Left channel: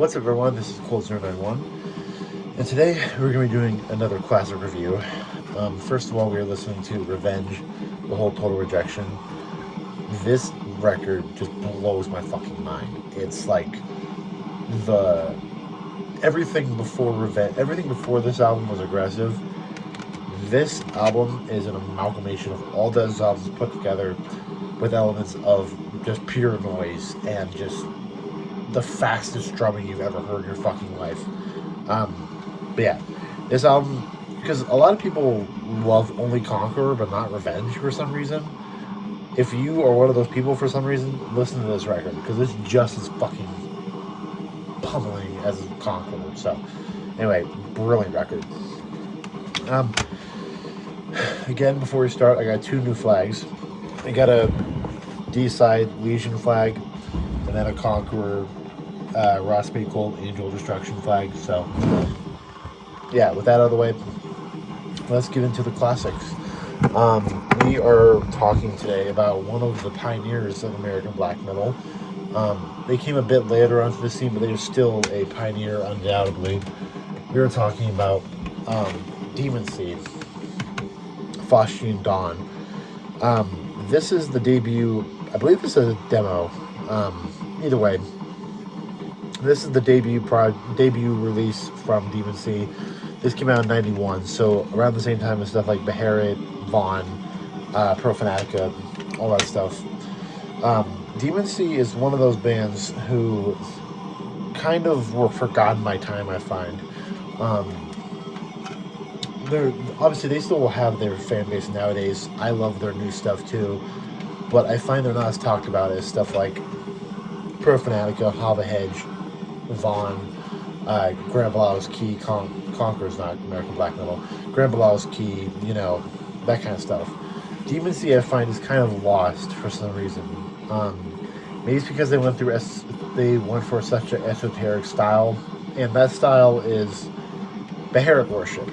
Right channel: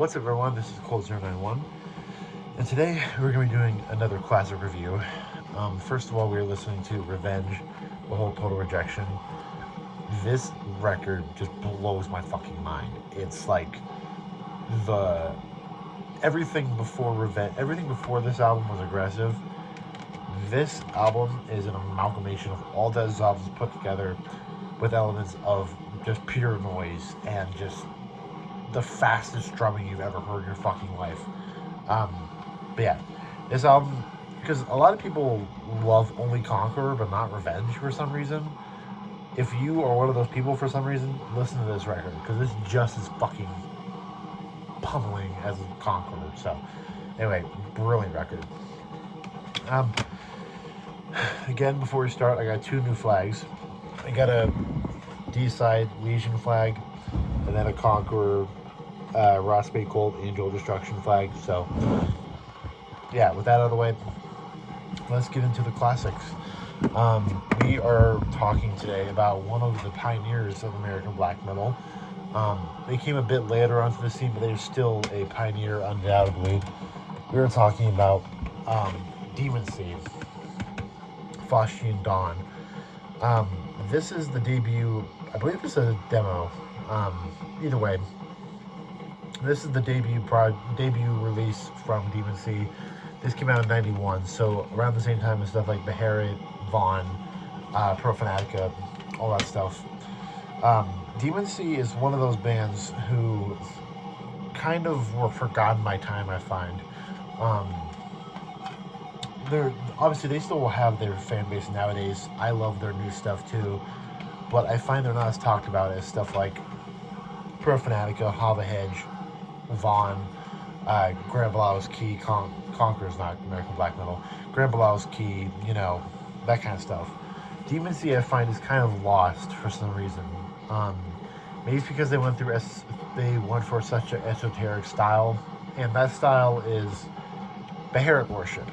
What's up everyone, this is Cold091, and today we're going to be doing another classic review. First of all, we are listening to Revenge, the whole Total Rejection. This record just blows my fucking mind. It's like the everything before this album was aggressive. This album is an amalgamation of all those albums put together with elements of just pure noise and just the fastest drumming you've ever heard in your fucking life. But yeah, this album, because a lot of people love only Conqueror but not Revenge for some reason. If you are one of those people for some reason, listen to this record because it's just as fucking pummeling as Conqueror. So, anyway, brilliant record. Um, Again, before we start, I got two new flags. I got a D-side Legion flag, and then a Conqueror Ross Spade Cold Angel Destruction flag. So, yeah, with that out of the way, let's get into the classics. We are talking today about one of the pioneers of American black metal. They came a bit later onto the scene, but they're still a pioneer, undoubtedly. We are talking about demoncy-Faustian Dawn. This is the debut. I believe this is a demo. Either way, this is the debut release from Demoncy. This came out in '91, so around the same time as stuff like Beharit, Vaughn, Pro Fanatica, all that stuff. Demoncy is one of those bands who kind of were forgotten by time, I find. They're obviously, they still will have their fan base nowadays. I love their new stuff too, but I find they're not as talked about as stuff like Pro Fanatica, Hava Hedge, Vaughn, Grand Bilaw's Key, Conqueror's not American black metal, Grand Bilaw's Key, that kind of stuff. Demoncy, I find, is kind of lost for some reason. Maybe it's because they went for such an esoteric style, and that style is Beharit worship.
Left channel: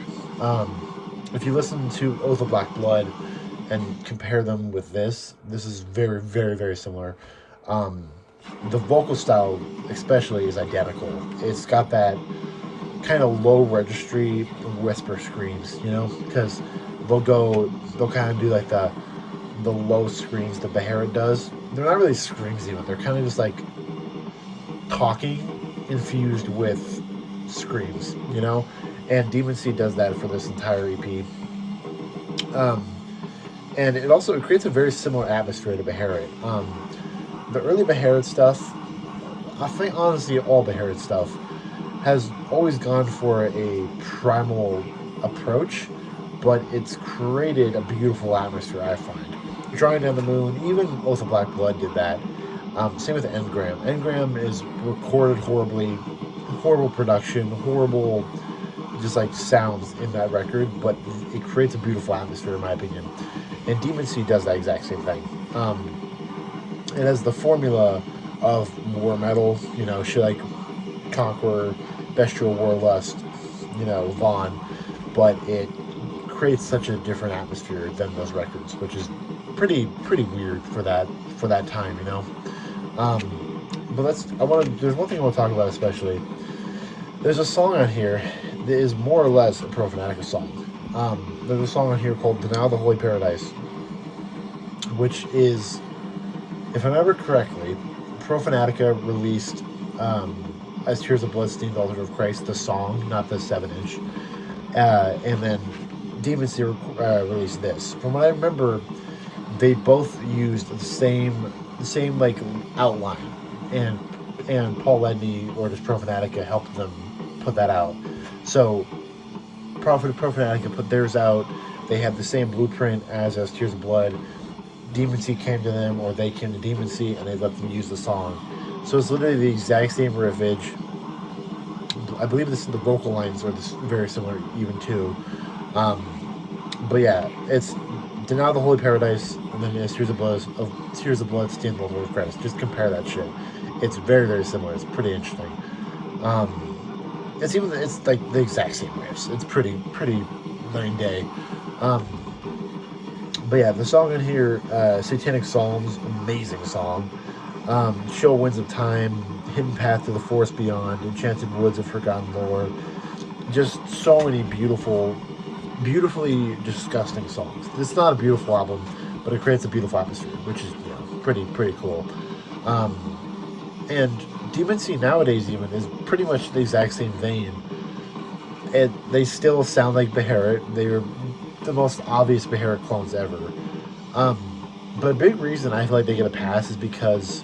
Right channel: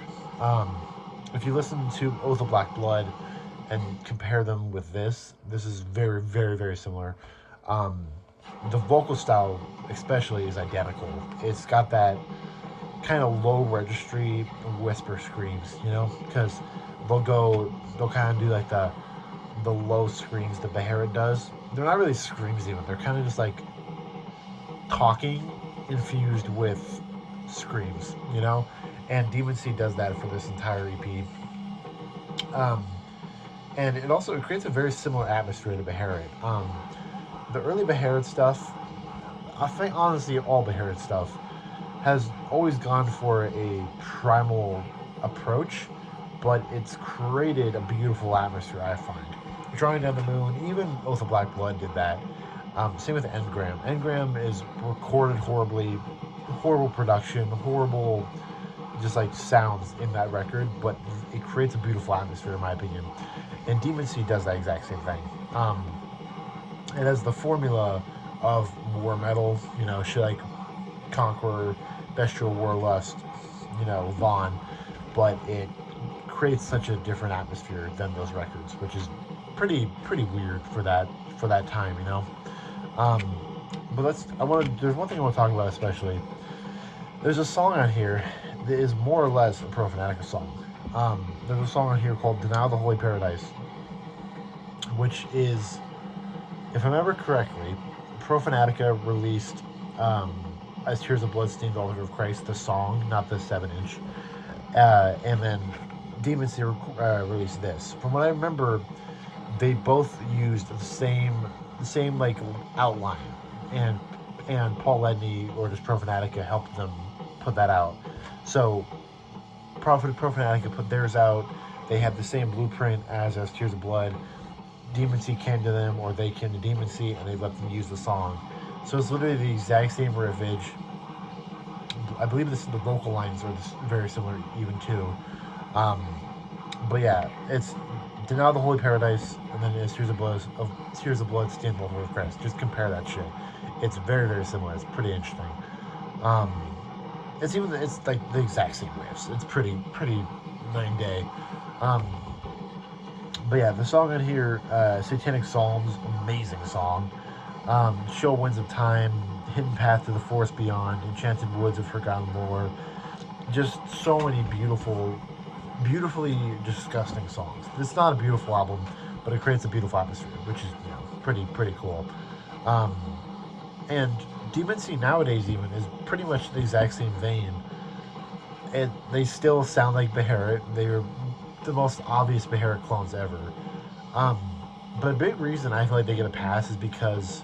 If you listen to Oath of Black Blood and compare them with this is very, very, very similar. The vocal style especially is identical. It's got that kind of low registry whisper screams, because they'll kind of do like the low screams that Beharit does. They're not really screams even. They're kind of just like talking infused with screams, and Demoncy does that for this entire EP. And it creates a very similar atmosphere to Beharit. The early Beharit stuff, I think honestly all Beharit stuff, has always gone for a primal approach, but it's created a beautiful atmosphere, I find. Drawing Down the Moon, even Oath of Black Blood did that. Same with Engram. Engram is recorded horribly, horrible production, horrible just like sounds in that record, but it creates a beautiful atmosphere in my opinion. And Demoncy does that exact same thing. It has the formula of war metal, shit like Conqueror, Bestial Warlust, Vaughn, but it creates such a different atmosphere than those records, which is pretty weird for that time, But there's one thing I want to talk about especially. There's a song on here that is more or less a Pro Fanatica song. There's a song on here called Denial the Holy Paradise, which is, if I remember correctly, Pro Fanatica released as Tears of Blood Stained Altar of Christ, the song, not the 7-inch. And then Demoncy released this. From what I remember, they both used the same like outline, and Paul Ledney or just Pro Fanatica helped them put that out. So Pro Fanatica put theirs out. They had the same blueprint as Tears of Blood. Demoncy came to them, or they came to Demoncy, and they let them use the song. So it's literally the exact same riffage. I believe the vocal lines are very similar even too. But yeah, it's Denial the Holy Paradise, and then it's Tears of Blood, Stand Altar of Christ. Just compare that shit. It's very, very similar. It's pretty interesting. It's like the exact same riffs. It's pretty night and day. But yeah, the song in here, Satanic Psalms, amazing song. Show Winds of Time, Hidden Path to the Forest Beyond, Enchanted Woods of Forgotten Lore. Just so many beautifully disgusting songs. It's not a beautiful album, but it creates a beautiful atmosphere, which is, you know, pretty cool. And demoncy nowadays even is pretty much the exact same vein. They still sound like Beharit. They're the most obvious Beharit clones ever. But a big reason I feel like they get a pass is because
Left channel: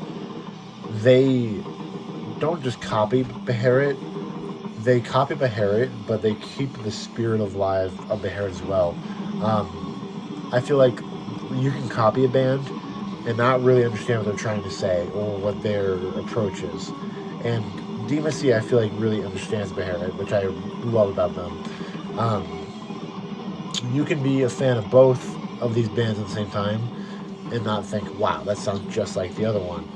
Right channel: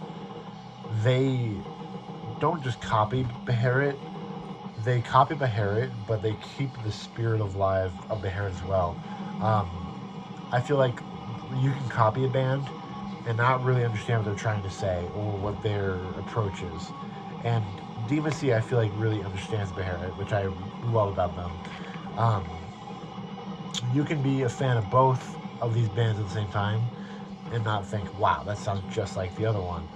they don't just copy Beharit. They copy Beharit, but they keep the spirit of Beharit as well. I feel like you can copy a band and not really understand what they're trying to say or what their approach is. And demoncy, I feel like, really understands Beharit, which I love about them. You can be a fan of both of these bands at the same time and not think, wow, that sounds just like the other one.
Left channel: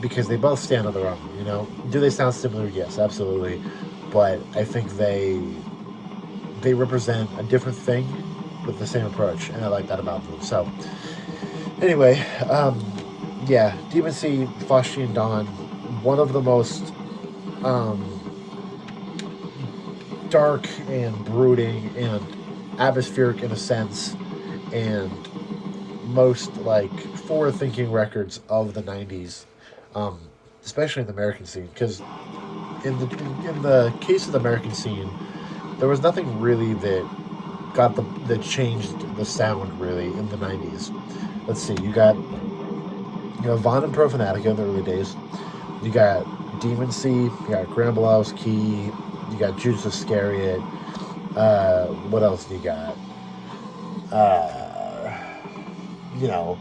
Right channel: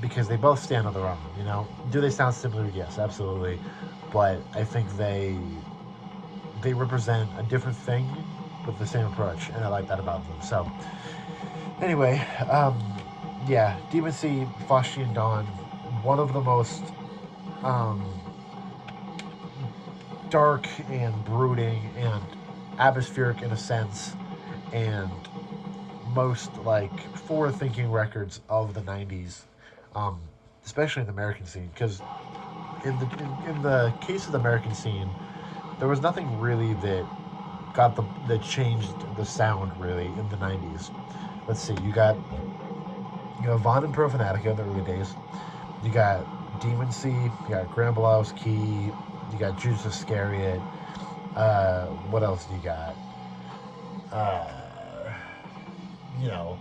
Because they both stand on their own, you know? Do they sound similar? Yes, absolutely. But I think they represent a different thing with the same approach, and I like that about them. So, anyway, yeah, demoncy-Faustian Dawn, one of the most dark and brooding and atmospheric in a sense, and most like forward-thinking records of the 90s, especially in the American scene, because in the case of the American scene, there was nothing really that changed the sound really in the 90s. Let's see, you got Vaughn and Profanatica in the early days. You got Demoncy, you got Gramblow's Key, you got Judas Iscariot. What else do you got? You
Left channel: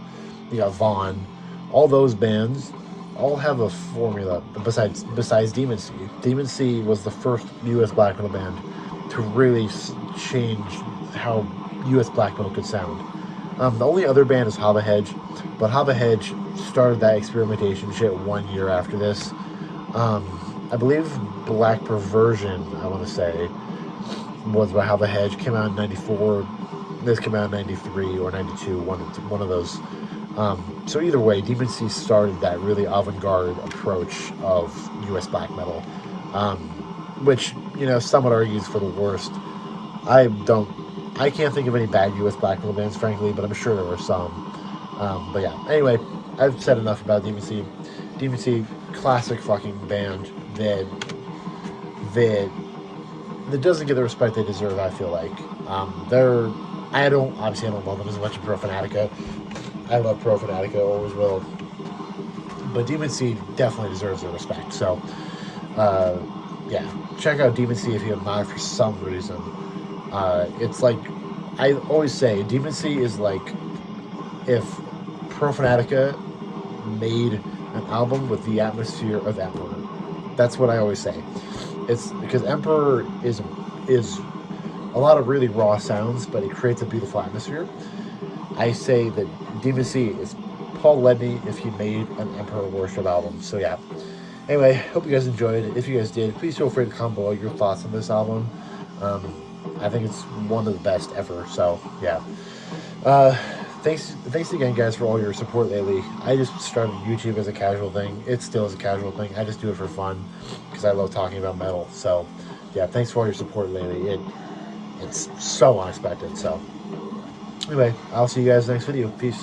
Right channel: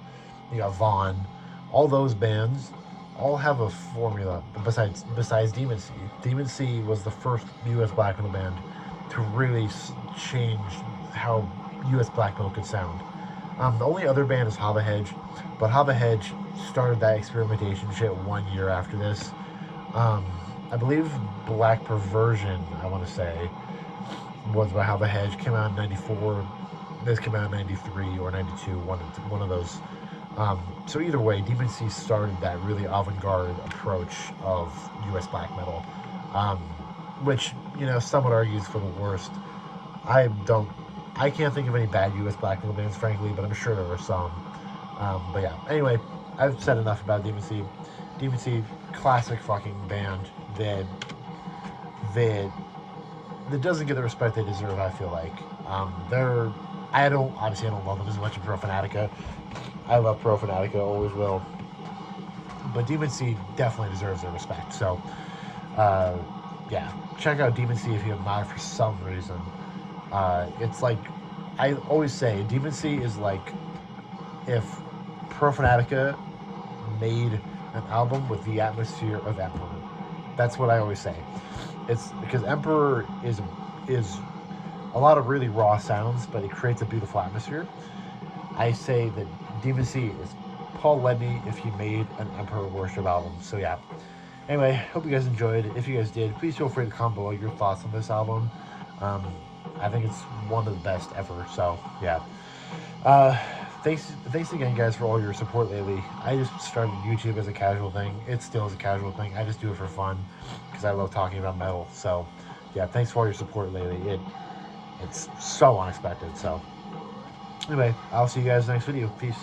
got Vaughn. All those bands all have a formula besides Demoncy. Demoncy was the first U.S. black metal band to really change how U.S. black metal could sound. The only other band is Hava Hedge, but Hava Hedge started that experimentation shit 1 year after this. I believe Black Perversion, I want to say, was by Hava Hedge, came out in 94. This came out in 93 or 92, one of those. So either way, Demoncy started that really avant-garde approach of U.S. black metal, which, some would argue is for the worst. I can't think of any bad U.S. black metal bands, frankly, but I'm sure there were some. But yeah, anyway, I've said enough about Demoncy. Demoncy, classic fucking band that doesn't get the respect they deserve, I feel like. I don't love them as much as Profanatica. I love Profanatica, always will. But Demoncy definitely deserves their respect. So, yeah, check out Demoncy if you have not for some reason. It's like, I always say, Demoncy is like if Profanatica made an album with the atmosphere of Emperor. That's what I always say. It's because Emperor is a lot of really raw sounds, but it creates a beautiful atmosphere. I say that Demoncy is Paul Ledney if he made an Emperor Worship album. So yeah. Anyway, hope you guys enjoyed. If you guys did, please feel free to comment below your thoughts on this album. I think it's one of the best ever. So yeah. Thanks again, guys, for all your support lately. I just started YouTube as a casual thing. It still is a casual thing. I just do it for fun because I love talking about metal. So yeah, thanks for all your support lately. It's so unexpected. So anyway, I'll see you guys next video. Peace.